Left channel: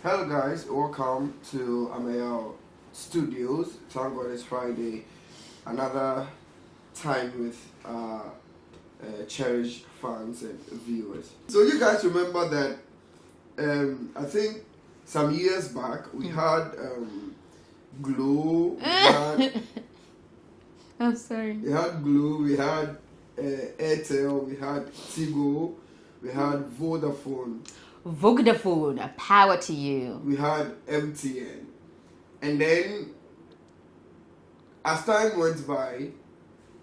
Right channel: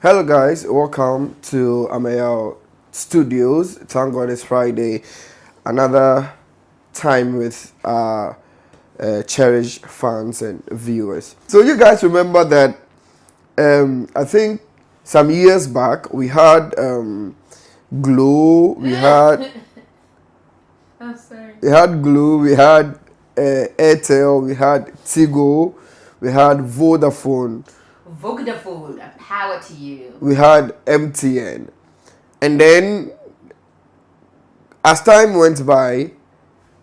Hello, guys. Welcome to Ameyaw Studios. Thank God it's Friday. Another time with our cherished fans and viewers. So, you guys remember that I think some years back we had Glow, I'm sorry. we had Glow, we had Airtel, we had Tigo, we had Vodafone, Vodafone, power to you. we had MTN. And then, as time went by,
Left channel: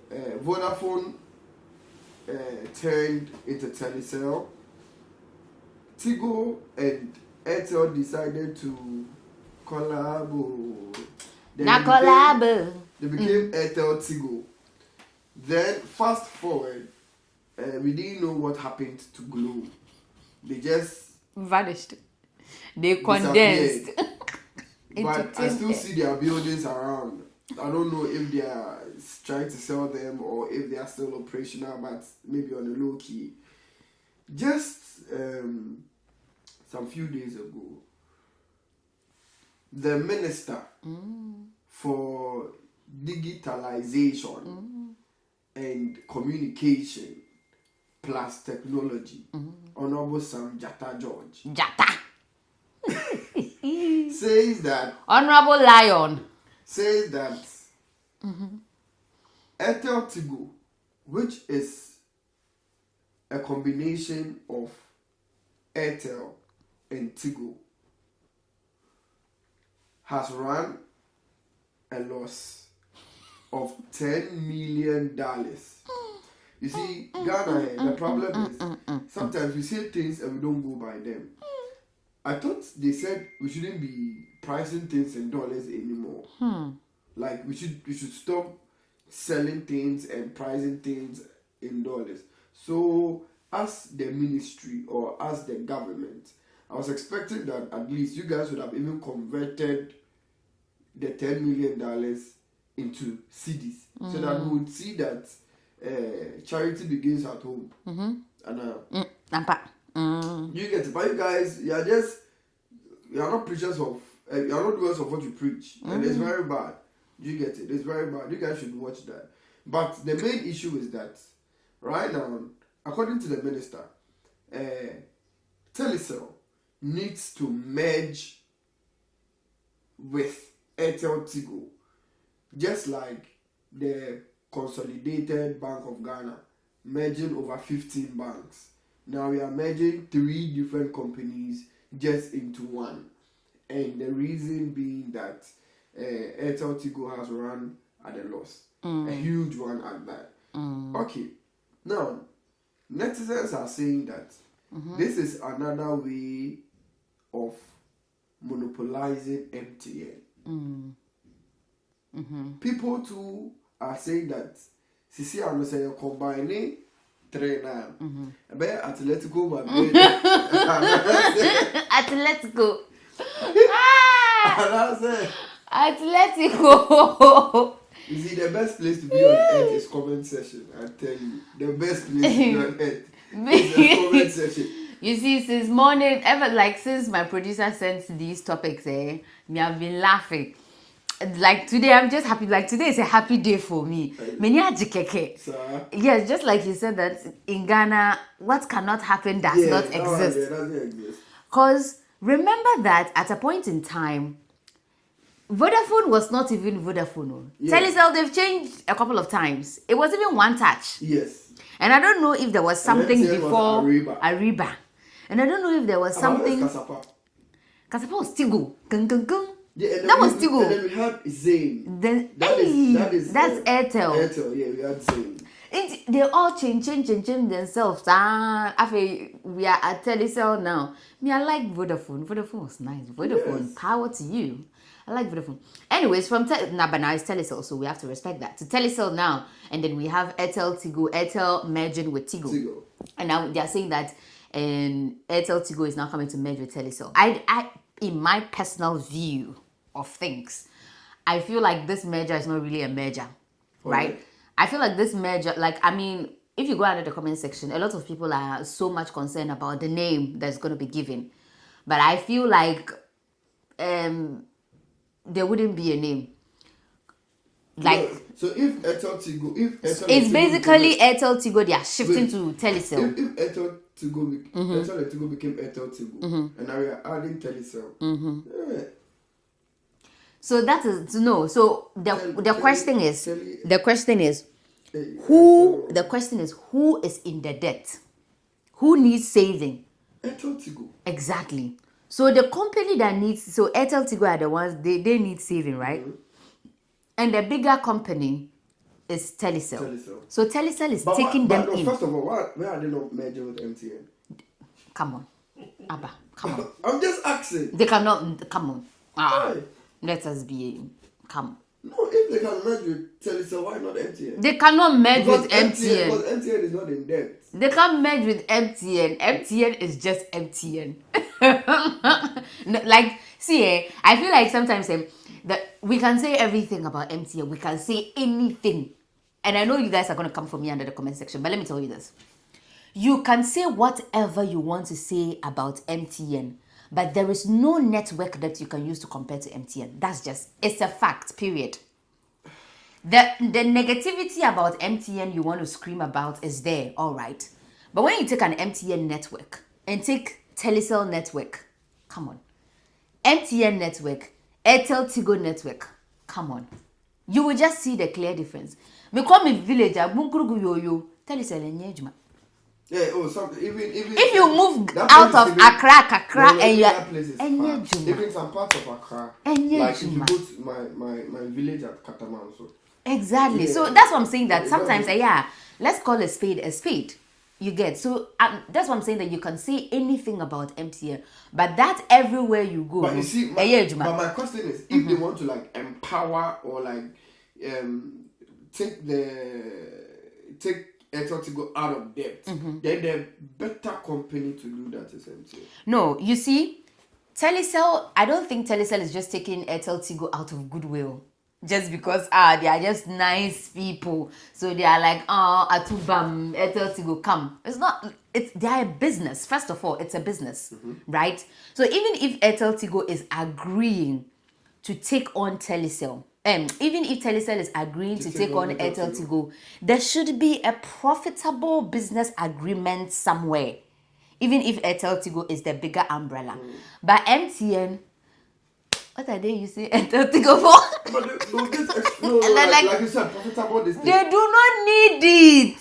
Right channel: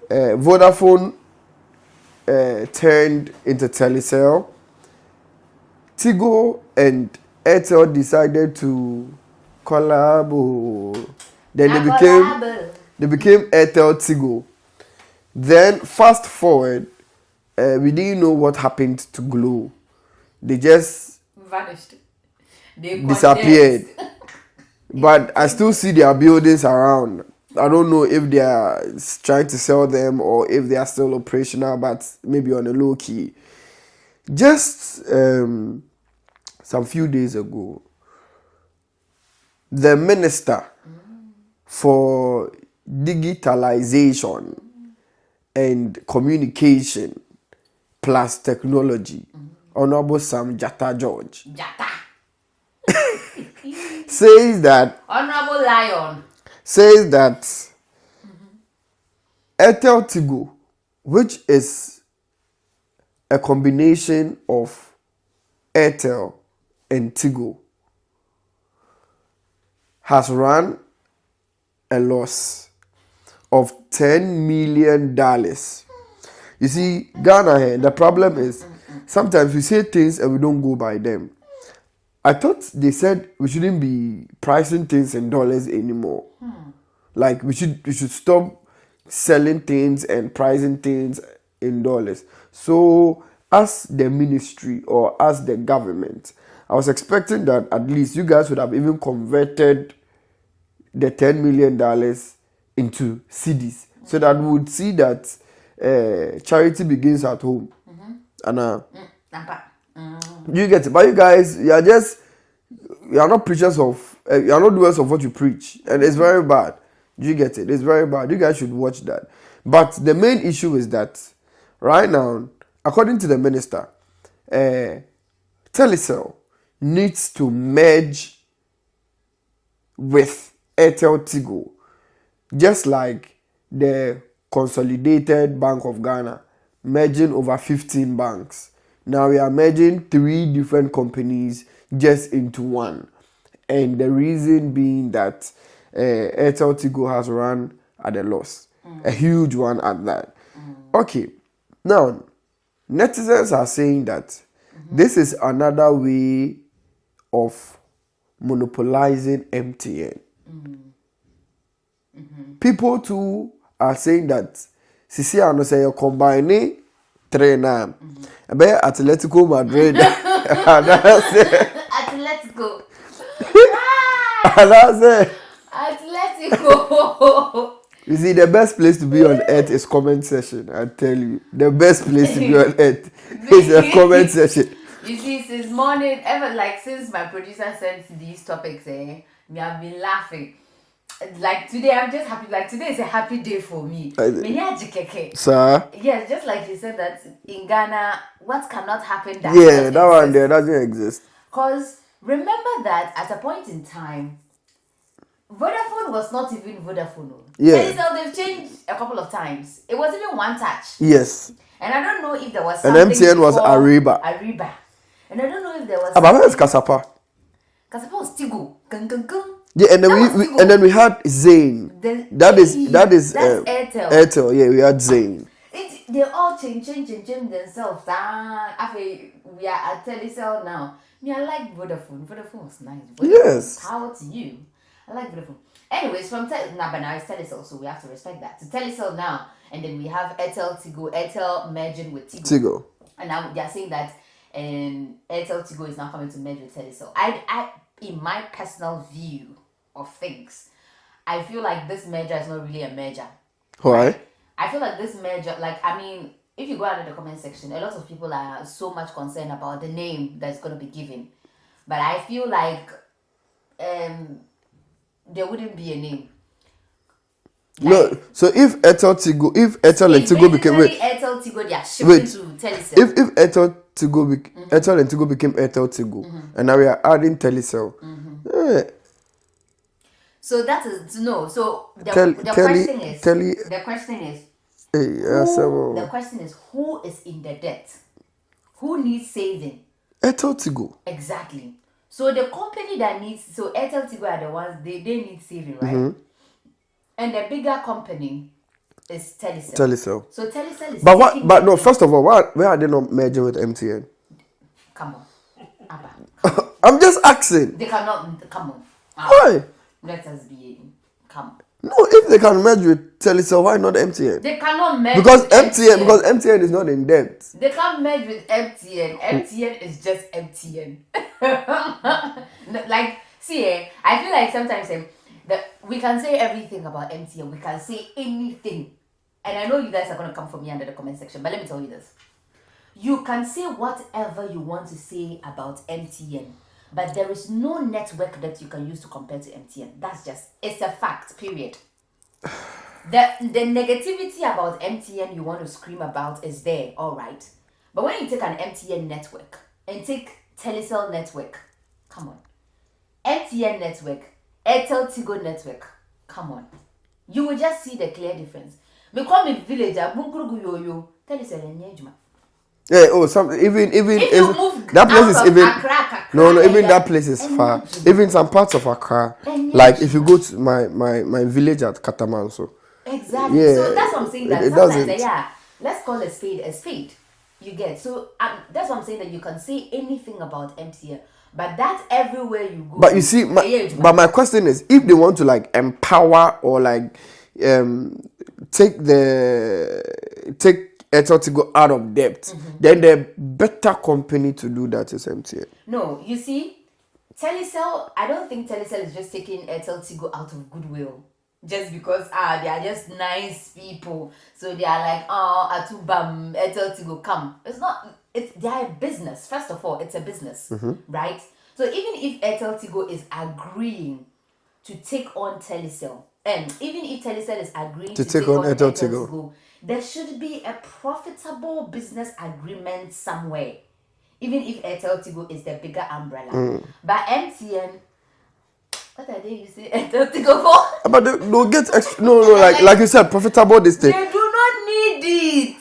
Vodafone turned into Telecel. Tigo and Airtel decided to collab. Then they became Airteltigo. Then fast forward, we didn't know what happened to Glow. They just vanished. They disappeared. But I still see their buildings around. I don't know if they are trying to sell them or if they are still operational, but maybe on a low key. Just some few days ago, the minister for digitalization and communication plus technology, Honorable Sam George, says that Honorable Lion Airteltigo, which is a combination of Airtel and Tigo, has run a loss of $10 million. You see, Ghana here, the problem is sometimes we say things and we don't go by them. I thought they said we shouldn't be pricing things in dollars anymore. Like we should stop selling things and pricing things in dollars. So as the ministry or as the government, I was expecting that at least you guys would have even converted the $10 million into cedis, so that we would see that charity begins at home. And you get it, but you guys, you are not preachers of, you are not doers of what you preach, and it's very bad. You get it? It's very bad. You guys should watch that. But the main issue is that right now, according to the minister, Telecel needs to merge with Airteltigo, just like the Consolidated Bank of Ghana merging over 15 banks. Now we are merging 3 different companies just into one. And the reason being that Airteltigo has run at a loss. A huge one at that. Okay. Now, netizens are saying that this is another way of monopolizing MTN. People too are saying that Sisi ano say you combine 3 now. Atletico Madrid. Atletico. Atletico. You see, the best place to be on earth is comment section. I tell you, the best place to be on earth is the comment section. You see, since morning, since my producer sent these topics, me have been laughing. Like today, I'm just happy. Like today is a happy day for me. Sir? Yes, just like you said that in Ghana, what cannot happen does Yeah, not that exist. one there doesn't exist. Because remember that at a point in time, Vodafone was not even Vodafone. Yeah. Telecel, they've changed a couple of times. It was even one touch. Yes. And I don't know if there was something And MTN was before Ariba. And I don't know if there was But where's something... Kasapa? Kasapa was Tigo. Gung, gung, gung. Yeah, and then we had Zain. That is That's Airtel. Airtel, yeah, we had Zain. They all change themselves. We are at Telecel now. Me, I like Vodafone. Vodafone was nice. Vodafone, Yes. power to you. I like Vodafone. Anyways, but now it's Telecel, so we have to respect that. To Telecel now, and then we have Airteltigo, Airtel merging with Tigo. And now they are saying that Airteltigo is now coming to merge with Telecel. I, in my personal view of things, I feel like this merger is not really a merger. Why? Right? I feel like this merger, if you go out in the comment section, a lot of people are so much concerned about the name that's going to be given. But I feel like there wouldn't be a name. No, so if Airteltigo, if Airtel and Tigo became Airteltigo, they are shifting to Telecel. If Airtel and Tigo became Airteltigo, and now we are adding Telecel. So that is no. So the question is who is in the debt? Who needs saving? Airteltigo. Exactly. So the company that needs Airteltigo are the ones they need saving, right? And the bigger company is Telecel. So Telecel is first of all, why are they not merging with MTN? Come on. Abba. Come on. I'm just asking. They cannot. Come on. Why? Let us be. Come. No, if they can merge with Telecel, why not MTN? They cannot merge with MTN. Because MTN is not in debt. They can't merge with MTN. MTN is just MTN. I feel like sometimes we can say everything about MTN. We can say anything. And I know you guys are going to come for me under the comment section. But let me tell you this. You can say whatever you want to say about MTN. But there is no network that you can use to compare to MTN. It's a fact, period. The negativity about MTN you want to scream about is there, all right. But when you take an MTN network and take Telecel network, come on. MTN network, Airteltigo network, come on. You will just see the clear difference. Me call me villager, Bunkuru yo Telecel enjuma. Yeah, even if you move that place out is of Accra, even that place is far. Even some parts of Accra, like if you go to my village at Katamanso. Exactly. Yeah, so that's what I'm saying. That sometimes, let's call a spade. You get so that's what I'm saying, that you can say anything about MTN, but that's everywhere you go. But you see, my question is, if they want to empower or take Airteltigo out of debt, then the better company to do that is MTN. No, you see, Telecel, I don't think Telecel is just taking Airteltigo out of goodwill. Just because they are just nice people. So they are like, Atubam, Airteltigo, come. It's not, they are a business. First of all, it's a business, right? So even if Airteltigo is agreeing to take on Telecel, and even if Telecel is agreeing to take on Airteltigo, there should be a profitable business agreement somewhere. Even if Airteltigo is the bigger umbrella. But MTN, what are they using Airteltigo for? But they'll get extra. No, like you said, profitable this thing. They do not need it.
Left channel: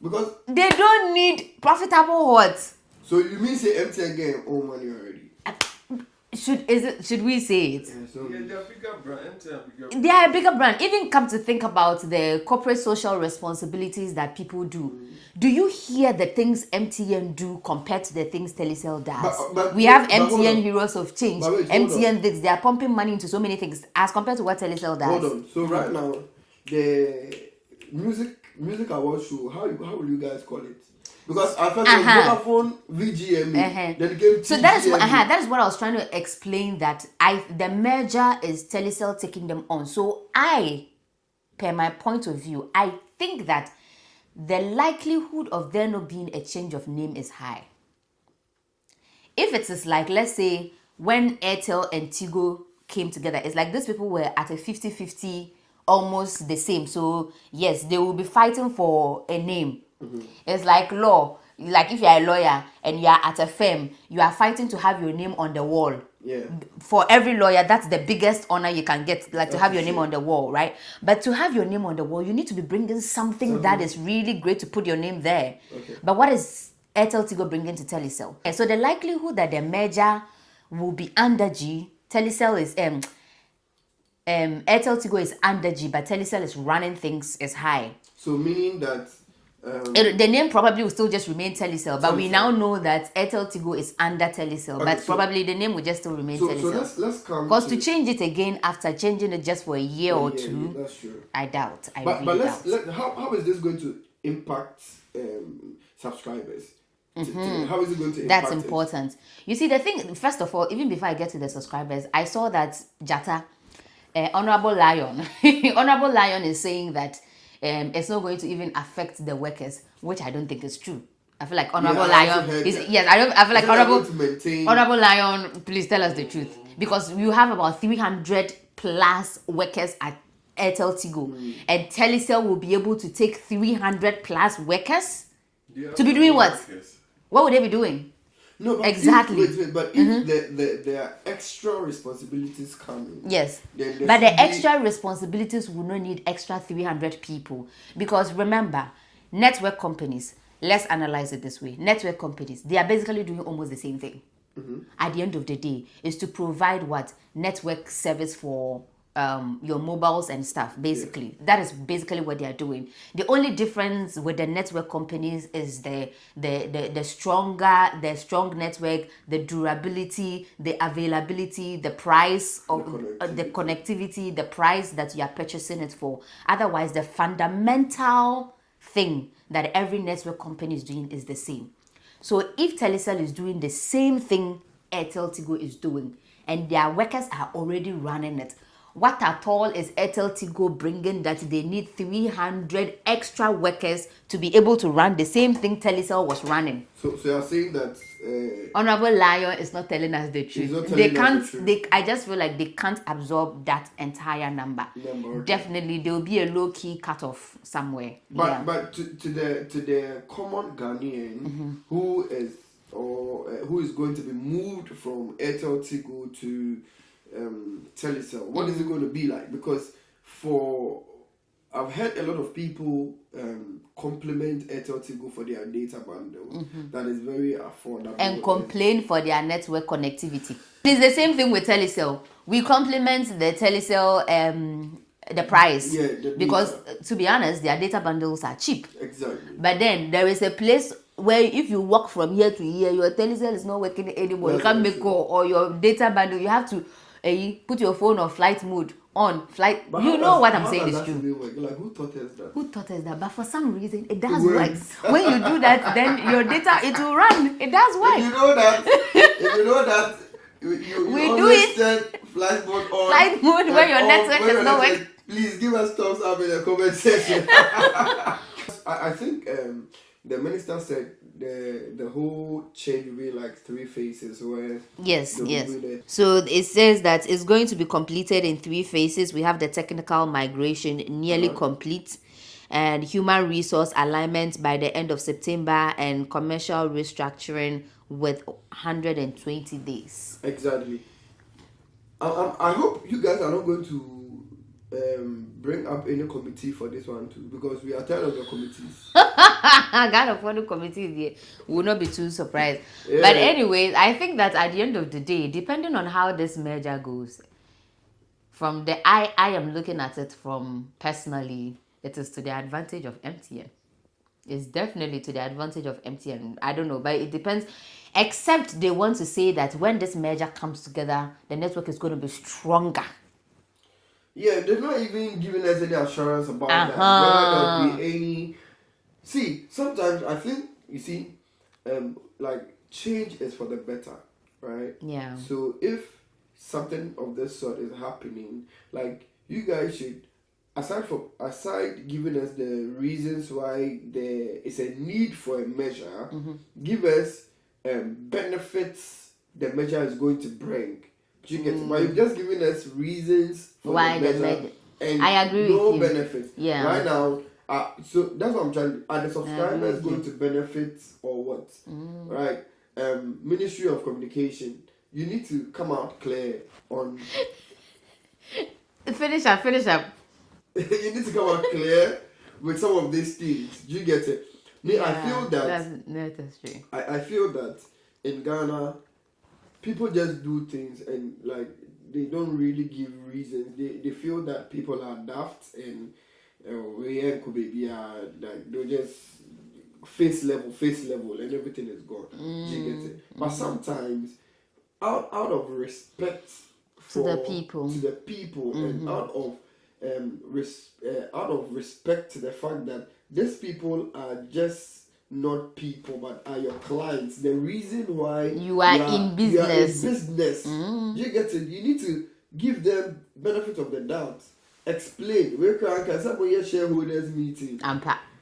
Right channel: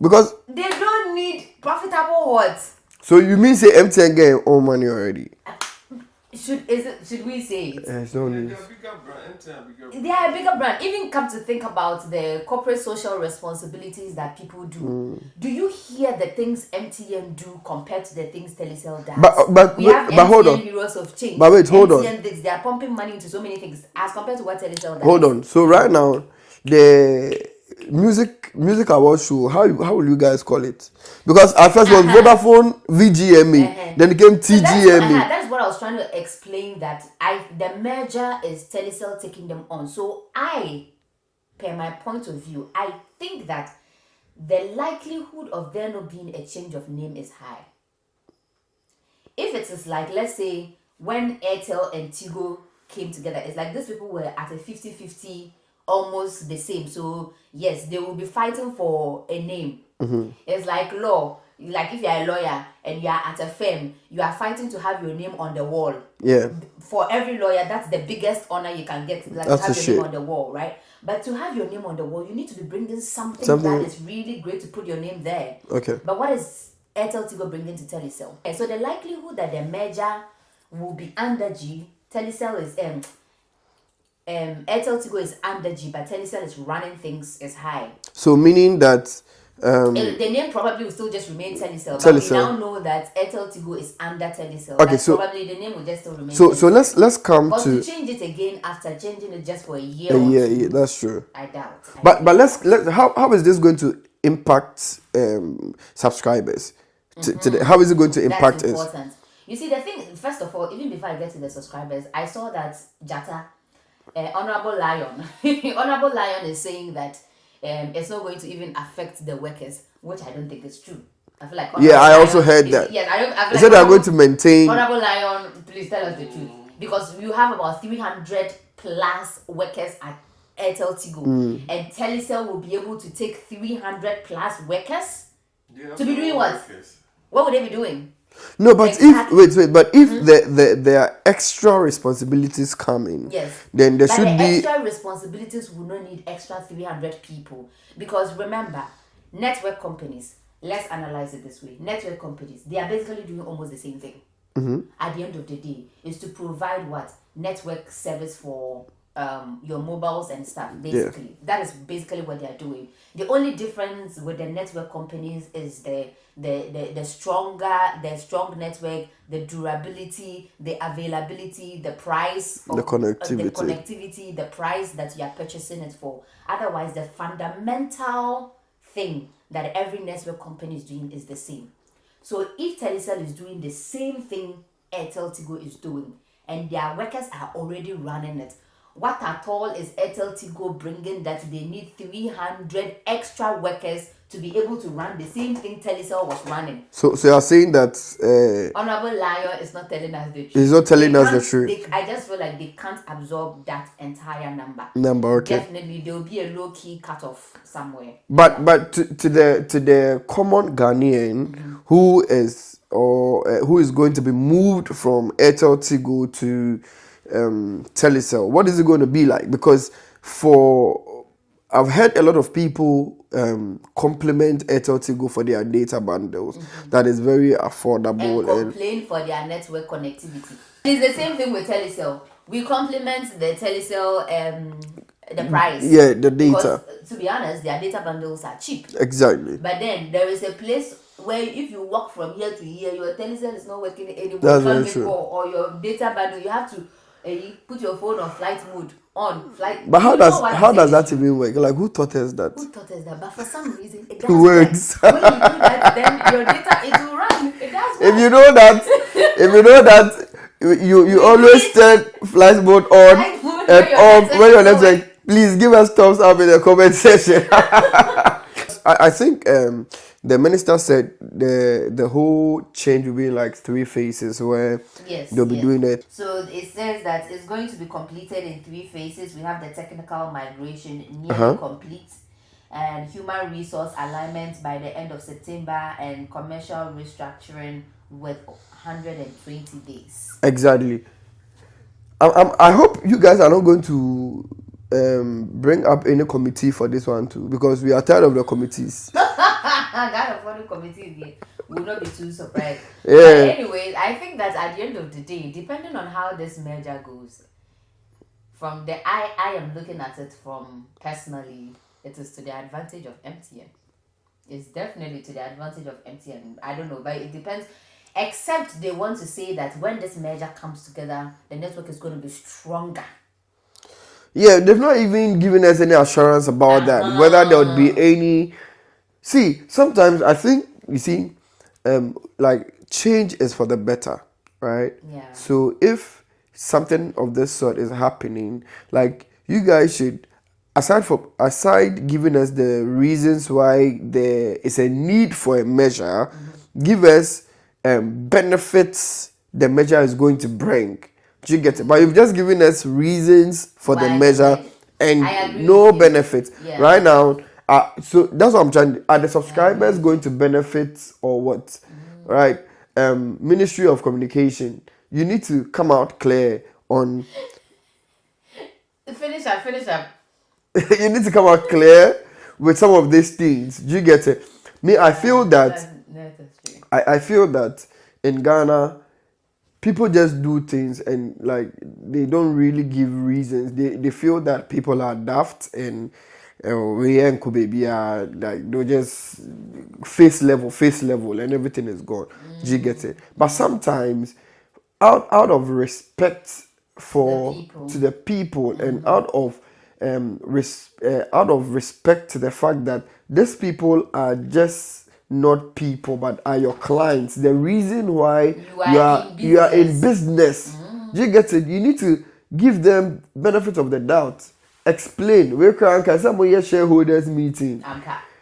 Because they don't need profitable what? So you mean say MTN get all money already? Should we say it? Yes, no need. They're a bigger brand. They are a bigger brand. Even come to think about the corporate social responsibilities that people do. Do you hear the things MTN do compared to the things Telecel does? But we have MTN Heroes of Change. But wait, hold on. They are pumping money into so many things as compared to what Telecel does. Hold on. So right now, the music award show, how will you guys call it? Because at first it was Vodafone VGMA, then it became TGMA. That's what I was trying to explain, that the merger is Telecel taking them on. So per my point of view, I think that the likelihood of there not being a change of name is high. If it is like, let's say, when Airtel and Tigo came together, it's like these people were at a 50-50, almost the same. So yes, they will be fighting for a name. It's like law. Like if you are a lawyer and you are at a firm, you are fighting to have your name on the wall. Yeah. For every lawyer, that's the biggest honor you can get, like to have your name on the wall, right? But to have your name on the wall, you need to be bringing something that is really great to put your name there. Okay. But what is Airteltigo bringing to Telecel? So the likelihood that the merger will be under G, Telecel is Airteltigo is under G, but Telecel is running things is high. So meaning that the name probably will still just remain Telecel, but we now know that Airteltigo is under Telecel. Okay, but so probably the name will just still remain so Telecel. So let's come because to change it again after changing it just for a year or two. Yeah, that's true. I doubt. But let's how is this going to impact subscribers? How is it going to impact us? That's important. You see, the thing, first of all, even before I get to the subscribers, I saw that Jata, Honorable Lion is saying that it's not going to even affect the workers, which I don't think is true. I feel like I also heard that. Yes, I feel like they are going to maintain. Honorable Lion, please tell us the truth, because you have about 300 plus workers at Airteltigo, and Telecel will be able to take 300 plus workers to be doing what? What would they be doing? No, but Exactly. if there are extra responsibilities coming, Yes, then there but should the be extra responsibilities will not need extra 300 people, because remember, network companies, let's analyze it this way. Network companies, they are basically doing almost the same thing. At the end of the day, is to provide what? Network service for your mobiles and stuff. Basically, that is basically what they are doing. The only difference with the network companies is the strong network, the durability, the availability, the price of The connectivity, the price that you are purchasing it for. Otherwise, the fundamental thing that every network company is doing is the same. So if Telecel is doing the same thing Airteltigo is doing, and their workers are already running it, what at all is Airteltigo bringing that they need 300 extra workers to be able to run the same thing Telecel was running? So you are saying that Honorable Lion is not telling us the truth. he's not telling us the truth. I just feel like they can't absorb that entire number. Okay. Definitely, there will be a low key cutoff somewhere. But to the common Ghanaian who is going to be moved from Airteltigo to Telecel, what is it going to be like? Because I've heard a lot of people compliment Airteltigo for their data bundles that is very affordable And complain for their network connectivity. It's the same thing with Telecel. We compliment the Telecel the price. Yeah, the data. Because to be honest, their data bundles are cheap. Exactly. But then there is a place where if you walk from here to here, your Telecel is not working anymore. That's You can't very make true. call, or your data bundle, you have to put your phone on flight mode on flight. But how does that even even work? Like, who taught us that? Who taught us that? But for some reason, it does Works. work. When you do that, then your data, it will run. It does work. If you know that, you always turn flight mode on Flight mode and off when your network is network. Please give us thumbs up in the comment section. I think the minister said the whole change will be like 3 phases where they'll be doing it. So it says that it's going to be completed in 3 phases. We have the technical migration nearly complete, and human resource alignment by the end of September, and commercial restructuring with 120 days. Exactly. I hope you guys are not going to bring up any committee for this one too, because we are tired of the committees. God of the committee there will not be too surprised. Yeah. But anyways, I think that at the end of the day, depending on how this merger goes, from the I am looking at it from personally, it is to the advantage of MTN. It's definitely to the advantage of MTN. I don't know, but it depends. Except they want to say that when this merger comes together, the network is going to be stronger. Yeah, they've not even given us any assurance about that, whether there would be any. See, sometimes I think, you see, like, change is for the better, right? Yeah. So if something of this sort is happening, like, you guys should, aside giving us the reasons why there is a need for a measure, give us benefits the measure is going to bring. Do you get it? But you've just given us reasons for Why the measure and I agree no with you. benefits. Yeah. Right now, so that's what I'm trying to. Are the subscribers going to benefit or what? Right? Ministry of Communication, you need to come out clear on. Finish up. You need to come out clear with some of these things. Do you get it? Me, I feel that. I feel that in Ghana, people just do things and like they don't really give reasons. They feel that people are daft and we and baby are like they're just face level and everything is gone. Do you get it? But sometimes out of respect for to the people and out of respect to the fact that these people are just not people but are your clients, the reason why you are in business. Do you get it? You need to give them benefit of the doubt. Explain. We can some shareholders meeting.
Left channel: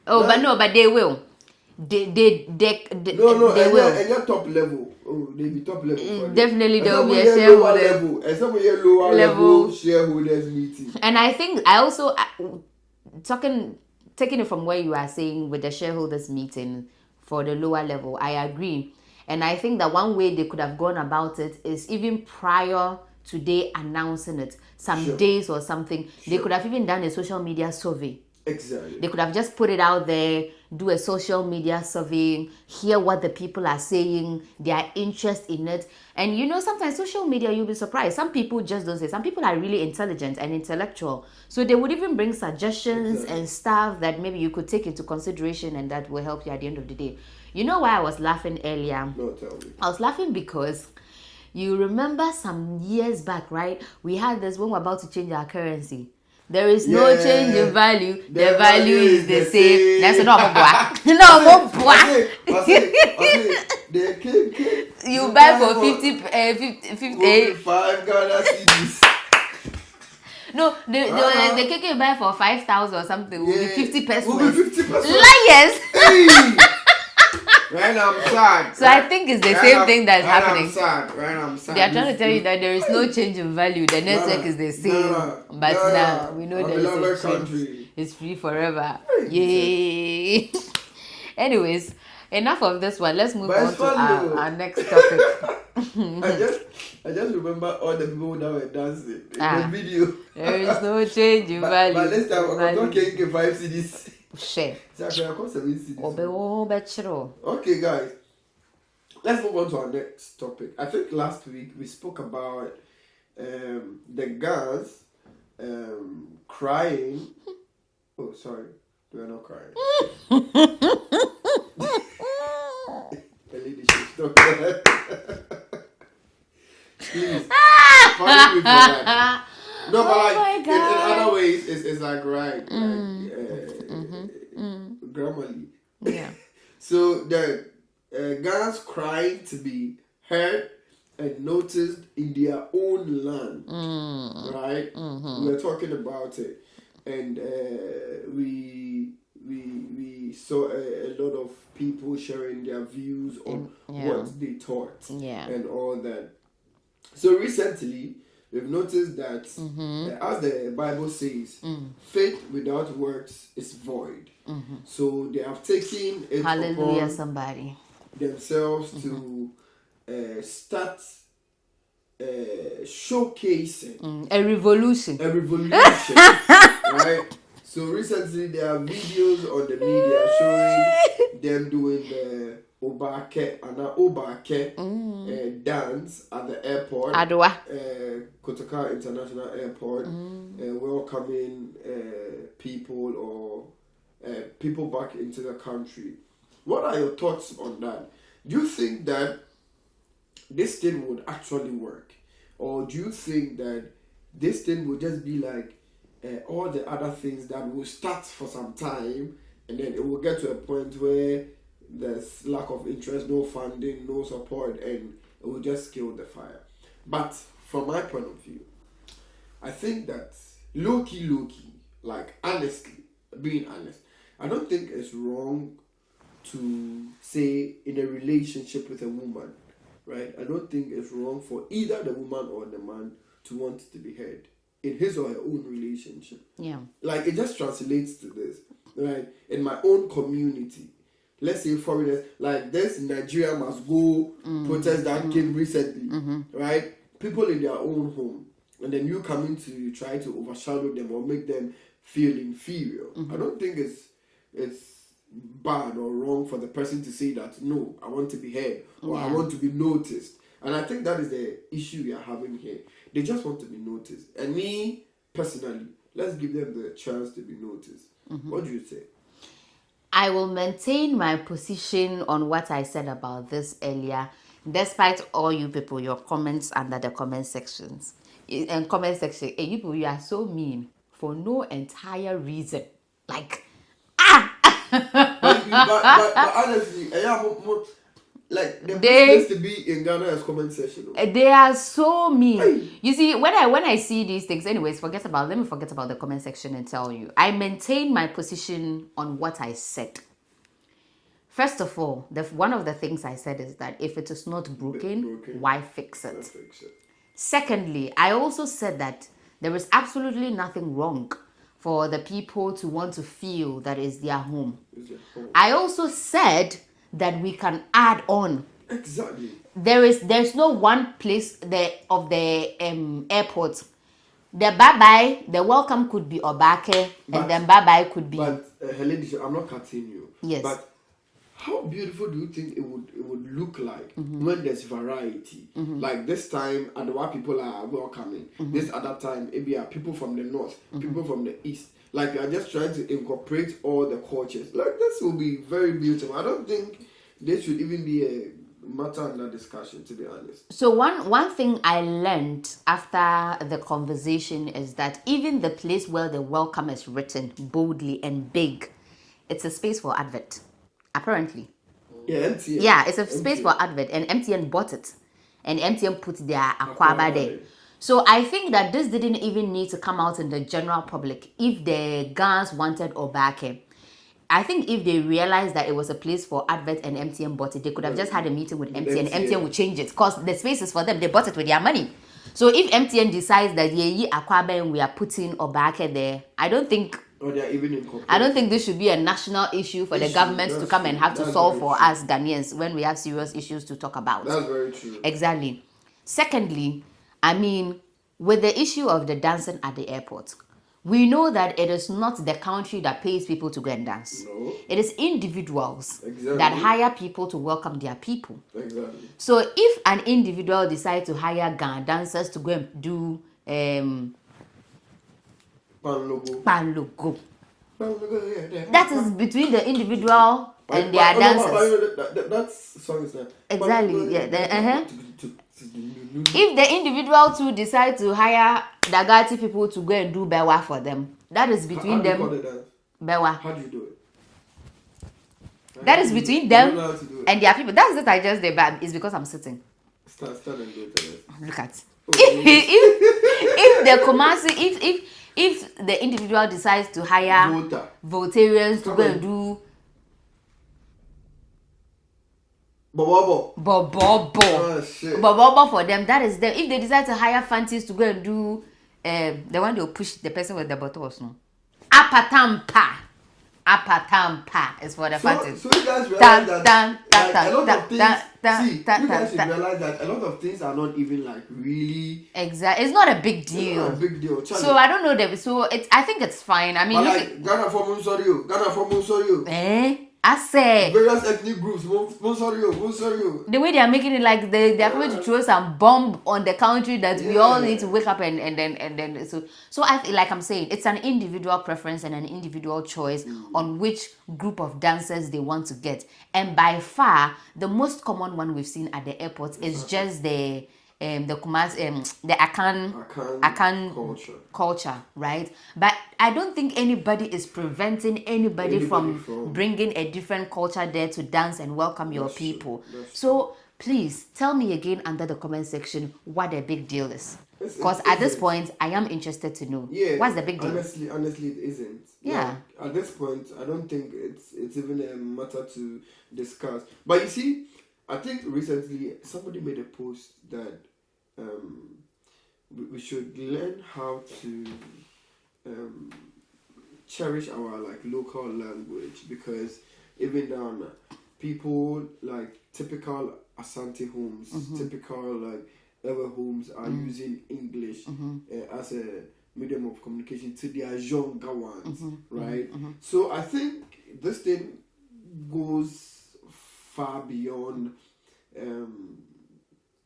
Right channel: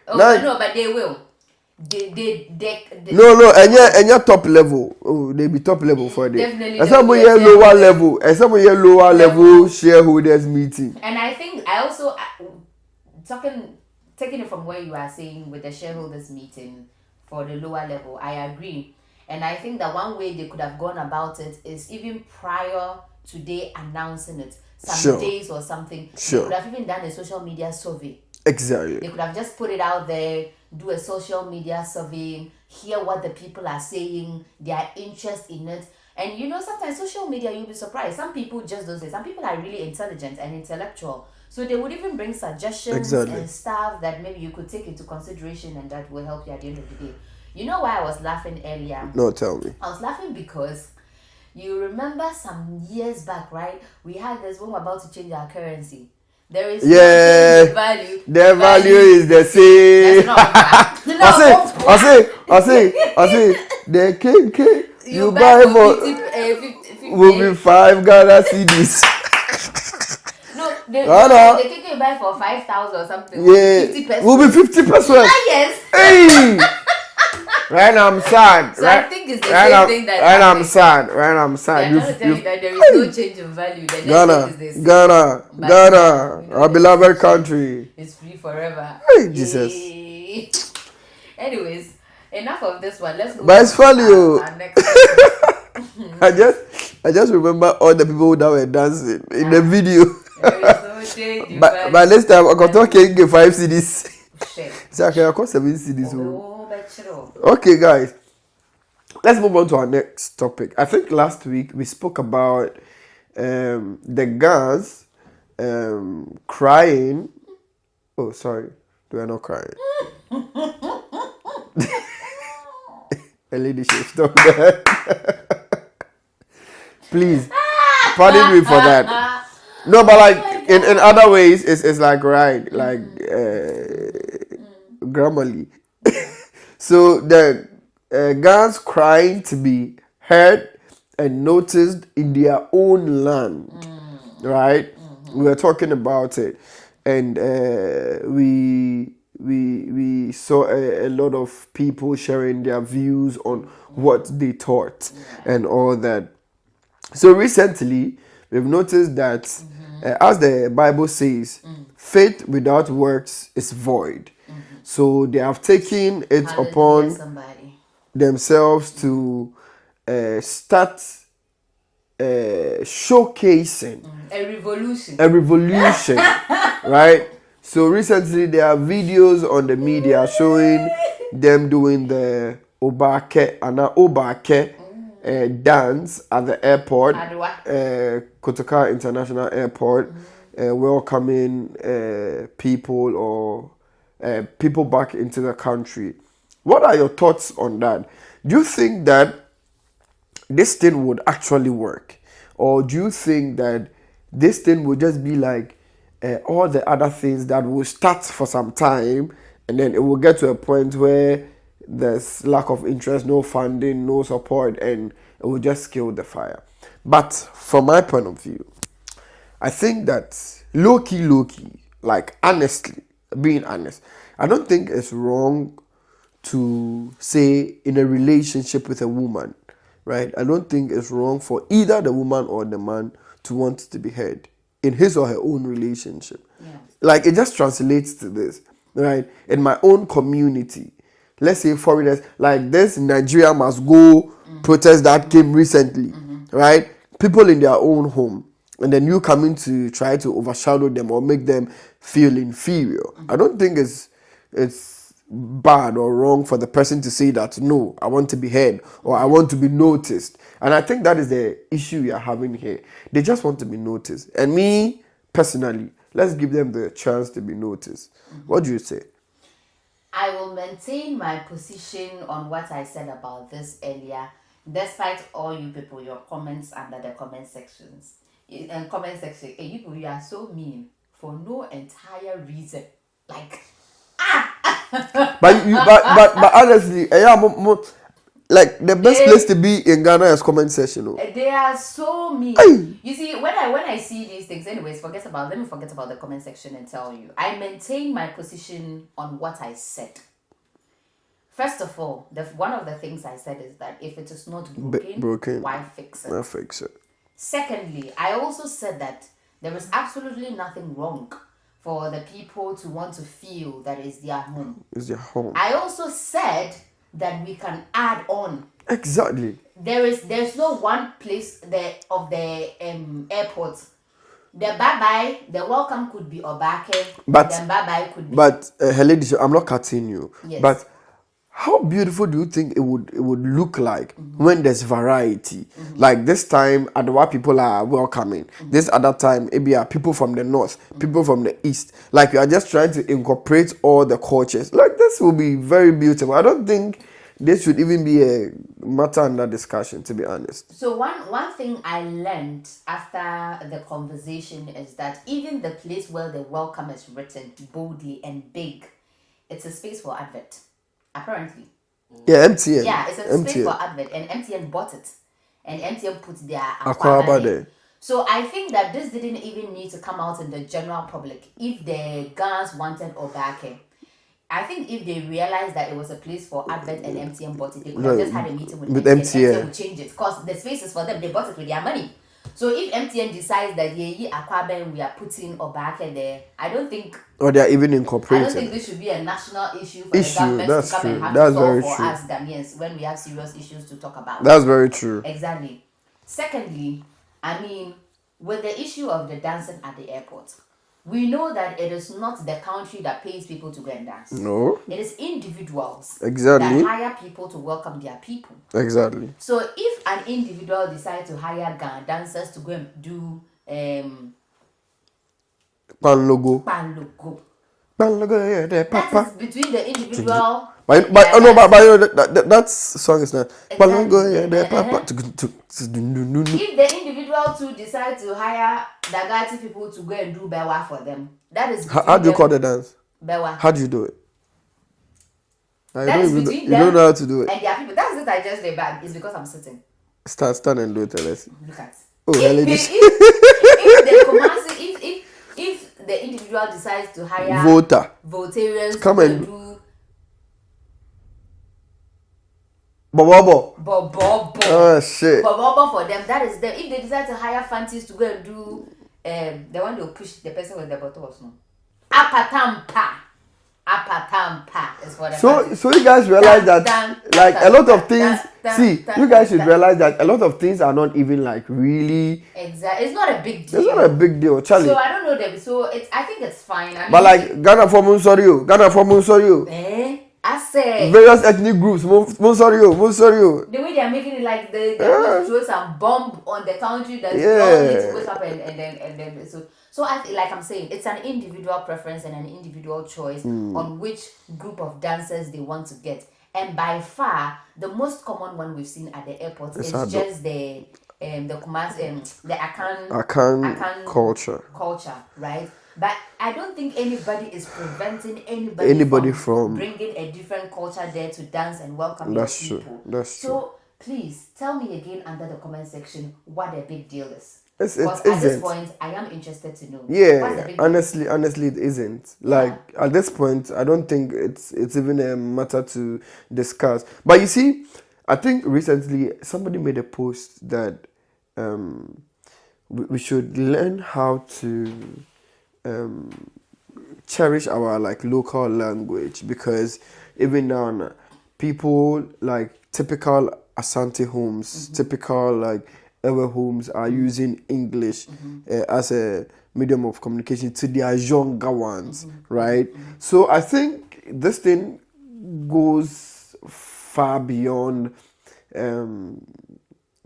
But they will. they No, and your top level. Oh, they be top level for them. Definitely. And some here lower level. And some here lower level shareholders meeting. And I think I also taking it from where you are saying with the shareholders meeting for the lower level, I agree. And I think that one way they could have gone about it is even prior to they announcing it, some days or something, they could have even done a social media survey. Exactly. They could have just put it out there, do a social media survey, hear what the people are saying, their interest in it. And sometimes social media, you'll be surprised. Some people just don't say. Some people are really intelligent and intellectual. So they would even bring suggestions and stuff that maybe you could take into consideration and that will help you at the end of the day. You know why I was laughing earlier? No, tell me. I was laughing because you remember some years back, right? We had this when we're about to change our currency. There is no change in value. The value is the same. That's not I say. The cake you buy for 50 will be 5 Ghana cedis. No, the cake you buy for 5,000 or something will be 50%. Will be 50%. Yes. Hey. Right now I'm sad. So I think it's the same thing that Right now I'm sad. They're trying to tell you that there is no change in value. The network is the same. Ghana, our beloved country. It's free forever. Hey, Yay. Anyways, enough of this one. Let's move but on it's funny, to our next topic. I just remember all the people that were dancing in the video. There is no change in value. But this time I'm talking 5 CDs. Share. So I can cost 7 CDs. Oh, okay, guys. Let's move on to our next topic. I think last week we spoke about the guys crying. Oh, sorry. They are not crying. A lady should stop there. Please. Pardon me for that. No, but like in other ways, it's like right, like grammarly. So the guys crying to be heard and noticed in their own land, right? We were talking about it, and we saw a lot of people sharing their views on what they thought and all that. So recently, we've noticed that, as the Bible says, faith without works is void. So they have taken it upon themselves to start showcasing a revolution, right? So recently there are videos on the media showing them doing the Obake dance at the airport, Kotoka International Airport, welcoming people or people back into the country. What are your thoughts on that? Do you think that this thing would actually work? Or do you think that this thing would just be like all the other things that will start for some time and then it will get to a point where there's lack of interest, no funding, no support, and it will just kill the fire? But from my point of view, I think that low-key, like honestly, being honest, I don't think it's wrong to say in a relationship with a woman, right? I don't think it's wrong for either the woman or the man to want to be heard in his or her own relationship. Yeah. Like it just translates to this, right? In my own community, let's say foreigners, like this Nigeria must go protest that came recently, right? People in their own home, and then you coming to try to overshadow them or make them feel inferior. I don't think it's bad or wrong for the person to say that, no, I want to be heard or I want to be noticed. And I think that is the issue we are having here. They just want to be noticed. And me, personally, let's give them the chance to be noticed. What do you say? I will maintain my position on what I said about this earlier, despite all you people, your comments under the comment sections. And comment section, hey, you people, you are so mean for no entire reason. Like, but honestly, like the best place to be in Ghana is comment section. They are so mean. Hey. You see, when I see these things, anyways, let me forget about the comment section and tell you. I maintain my position on what I said. First of all, one of the things I said is that if it is not broken, why fix it? Why fix it? Secondly, I also said that there is absolutely nothing wrong for the people to want to feel that is their home. It's their home. I also said that we can add on. Exactly. There's no one place of the airport. The bye-bye, the welcome could be Obake, but then bye-bye could be... But, Helene, I'm not cutting you. Yes. But how beautiful do you think it would look like when there's variety? Like this time, Adowa people are welcoming. This other time, maybe are people from the north, people from the east. Like you are just trying to incorporate all the cultures. Like this will be very beautiful. I don't think this should even be a matter under discussion, to be honest. So one thing I learned after the conversation is that even the place where the welcome is written boldly and big, it's a space for advert. Apparently. Yeah, MTN. Yeah, it's a space for advert, and MTN bought it. And MTN put their Aquaba there. So I think that this didn't even need to come out in the general public. If the Gans wanted Obake, I think if they realized that it was a place for advert and MTN bought it, they could have just had a meeting with MTN. MTN would change it because the space is for them. They bought it with their money. So if MTN decides that Aquaba and we are putting Obake there, I don't think... Or they are even incorporated. I don't think this should be a national issue for the government to come and have to solve for us Ghanaians when we have serious issues to talk about. That's very true. Exactly. Secondly, I mean, with the issue of the dancing at the airport, we know that it is not the country that pays people to go and dance. No. It is individuals that hire people to welcome their people. Exactly. So if an individual decides to hire Ghana dancers to go and do Pan logo. Yeah, that is between the individual. But that song is not. Exactly. If the individual too decide to hire Dagati people to go and do Bewa for them, that is between how do you call the dance? Bewa. How do you do it? That is between them. You don't know how to do it. And their people. That's it. I just did, but it's because I'm sitting. Stand and do it. Let's look at. Oh, if the Kumasi, if the individual decides to hire votarians come and do Bobo. Oh shit. Bobo for them, that is them. If they decide to hire fancies to go and do the one they'll push the person with the bottle or no. Apatampa is what the fancies. So you guys realize that like a lot of things you guys should realize that a lot of things are not even like really exactly. It's not a big deal. It's not a big deal, Charlie. So I don't know them. So I think it's fine. I mean, but like Ghana for Munsorio. I say various ethnic groups, Munsorio. The way they are making it like they're going to throw some bomb on the country that we all need to wake up and then so I'm saying it's an individual preference and an individual choice on which group of dancers they want to get. And by far the most common one we've seen at the airport is just the Akan culture, right? But I don't think anybody is preventing anybody from bringing a different culture there to dance and welcome your people. So please tell me again under the comment section what the big deal is. Because at this point, I am interested to know. Yeah, what's the big deal? Honestly, it isn't. Like at this point, I don't think it's even a matter to discuss. But you see, I think recently somebody made a post that we should learn how to cherish our like local language, because even now people like typical Asante homes, typical like Ewe homes are using English as a medium of communication to their younger ones, right? So I think this thing goes far beyond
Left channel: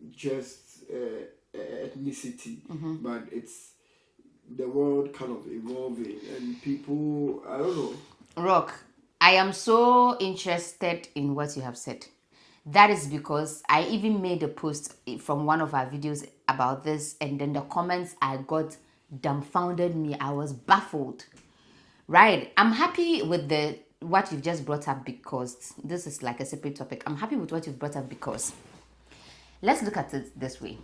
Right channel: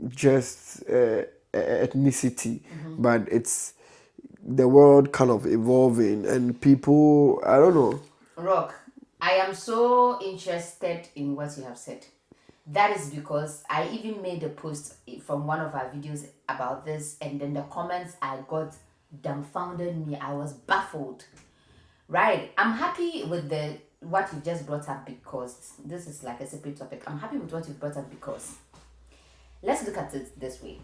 just ethnicity, but it's the world kind of evolving and people, I don't know. Rock, I am so interested in what you have said. That is because I even made a post from one of our videos about this, and then the comments I got dumbfounded me. I was baffled. Right, I'm happy with what you've just brought up, because this is like a separate topic. I'm happy with what you've brought up because let's look at it this way.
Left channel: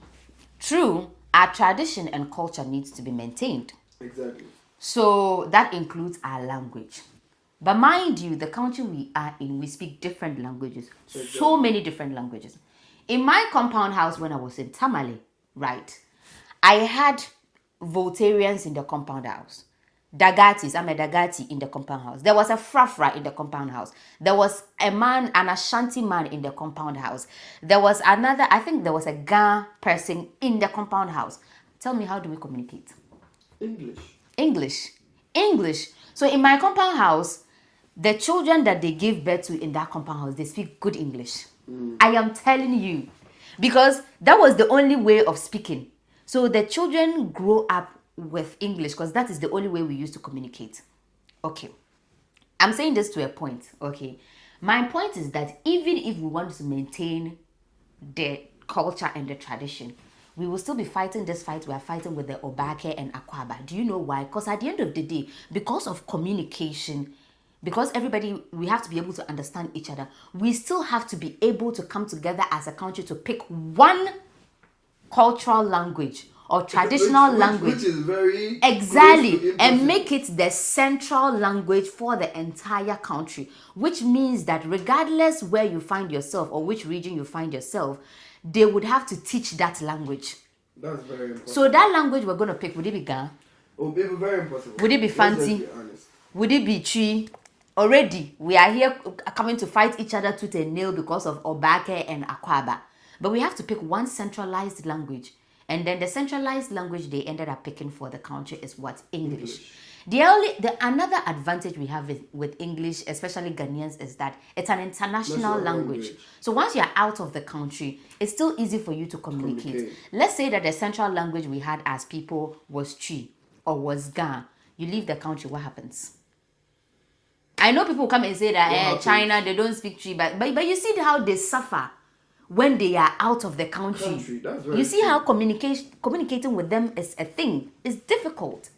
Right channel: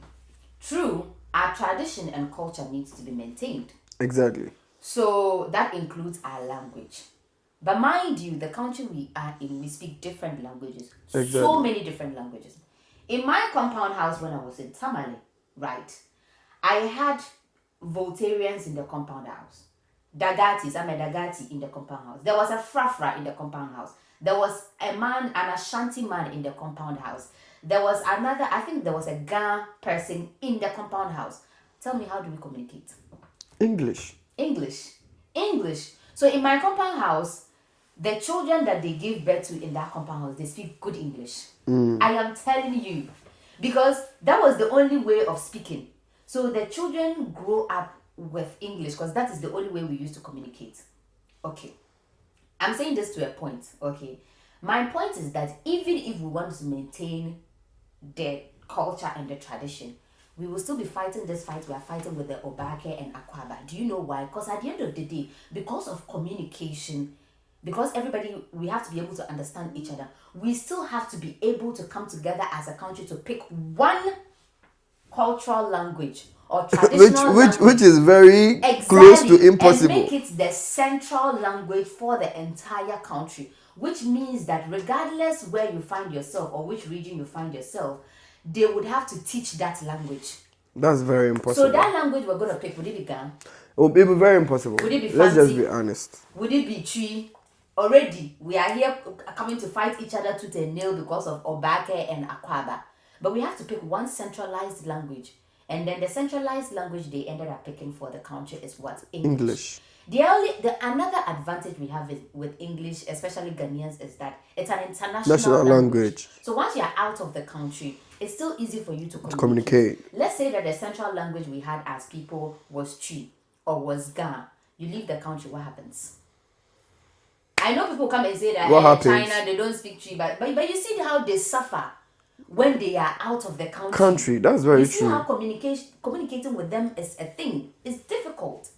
True, our tradition and culture needs to be maintained. Exactly. So that includes our language. But mind you, the country we are in, we speak different languages. Exactly. So many different languages. In my compound house when I was in Tamale, right, I had Voltarians in the compound house. Dagatis, I'm a Dagati in the compound house. There was a Frafra in the compound house. There was a man, an Ashanti man in the compound house. There was another, I think there was a Ga person in the compound house. Tell me, how do we communicate? English. So in my compound house, the children that they give birth to in that compound house, they speak good English. I am telling you. Because that was the only way of speaking. So the children grow up with English because that is the only way we used to communicate. Okay. I'm saying this to a point. Okay. My point is that even if we want to maintain the culture and the tradition, we will still be fighting this fight we are fighting with the Obake and Akwaba. Do you know why? Because at the end of the day, because of communication, because everybody, we have to be able to understand each other, we still have to be able to come together as a country to pick one cultural language or traditional language. Which is very close to impossible. And make it the central language for the entire country. Which means that regardless where you find yourself or which region you find yourself, they would have to teach that language. That's very impossible. So that language we're going to pick, would it be Ga? It would be very impossible. Would it be Fanti? Let's just be honest. Would it be Chi? Already, we are here coming to fight each other tooth and nail because of Obake and Akwaba. But we have to pick one centralized language. And then the centralized language they ended up picking for the country is what? English. Another advantage we have with English, especially Ghanaians, is that it's an international language. So once you're out of the country, it's still easy for you to communicate. Let's say that the central language we had as people was Chi or was Ga. You leave the country, what happens? I know people come and say that China, they don't speak Chi, but you see how they suffer when they are out of the country. That's very true. You see how communicating with them is a thing. It's difficult.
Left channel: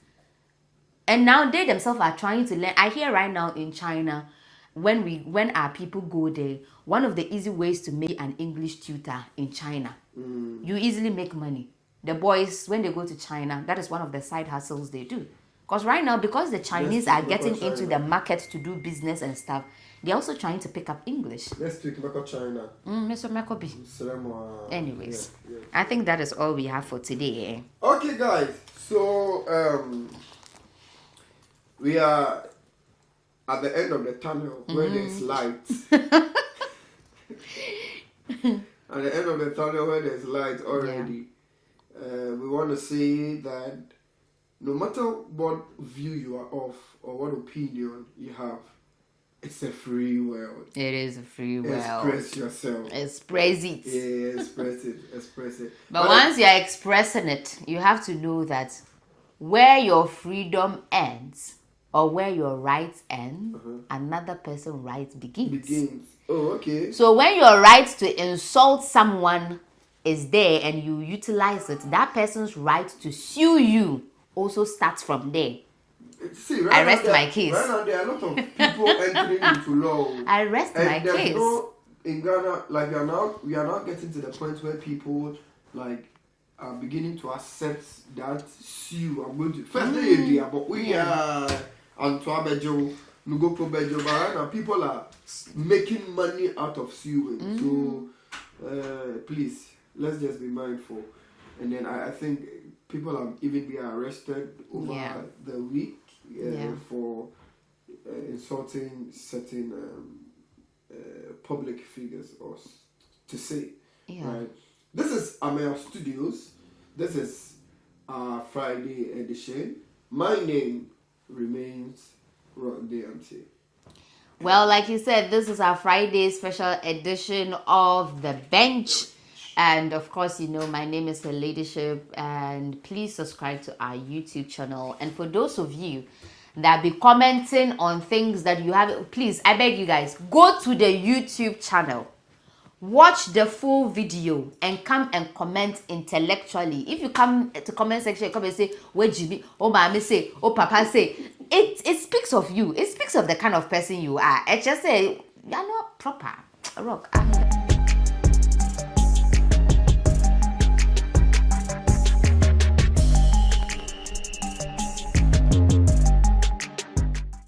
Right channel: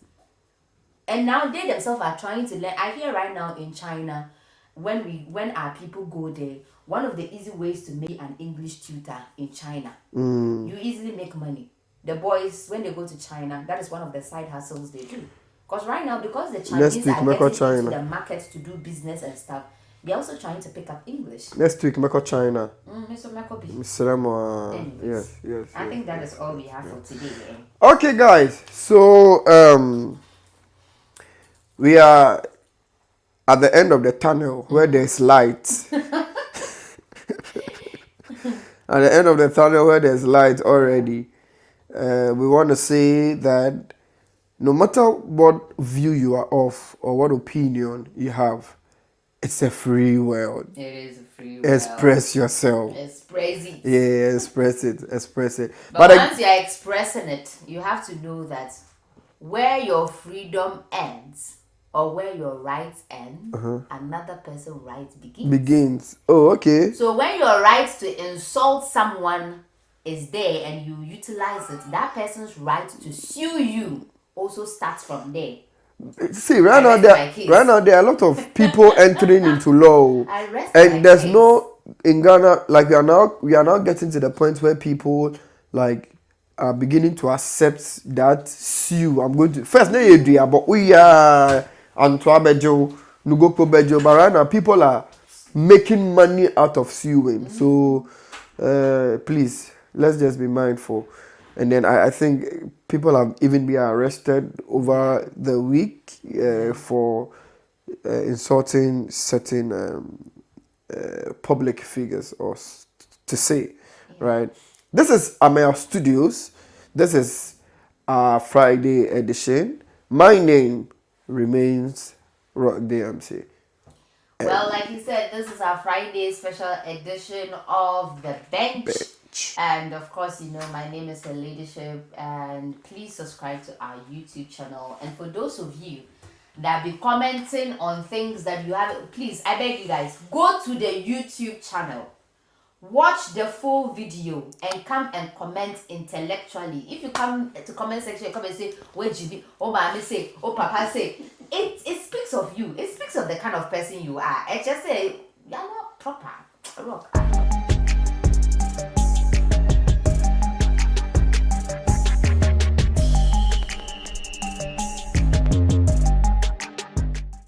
And now they themselves are trying to learn. I hear right now in China, when our people go there, one of the easy ways to make an English tutor in China, you easily make money. The boys, when they go to China, that is one of the side hustles they do. Because right now, because the Chinese are getting into the market to do business and stuff, they're also trying to pick up English. Next week, Meko China. Mr. Mekobi. Anyways, yes, I think that is all we have for today. Okay, guys. So, we are at the end of the tunnel where there's light. At the end of the tunnel where there's light already. We want to say that no matter what view you are of or what opinion you have, it's a free world. It is a free world. Express yourself. Express it. Yeah, express it. Express it. But once you're expressing it, you have to know that where your freedom ends or where your rights end, another person's rights begins. Oh, okay. So when your right to insult someone is there and you utilize it, that person's right to sue you also starts from there. See, right now there are a lot of people entering into law. And there's case. No in Ghana, like we are now getting to the point where people like are beginning to accept that sue. I'm going to first but we are Antoabejo, Nugo Bejo, but right now people are making money out of suing. So please, let's just be mindful. And then I think people have even been arrested over the week for insulting certain public figures, or to say, right? This is Ameyaw Studios. This is our Friday edition. My name remains Rock DMC. Well, like you said, this is our Friday special edition of The Bench. And of course, you know, my name is Her Ladyship, and please subscribe to our YouTube channel. And for those of you that be commenting on things that you have, please, I beg you guys, go to the YouTube channel, watch the full video, and come and comment intellectually. If you come to comment section, come and say, where GB, oh mommy say, oh papa say, it speaks of you. It speaks of the kind of person you are. It just say, you're not proper. Rock.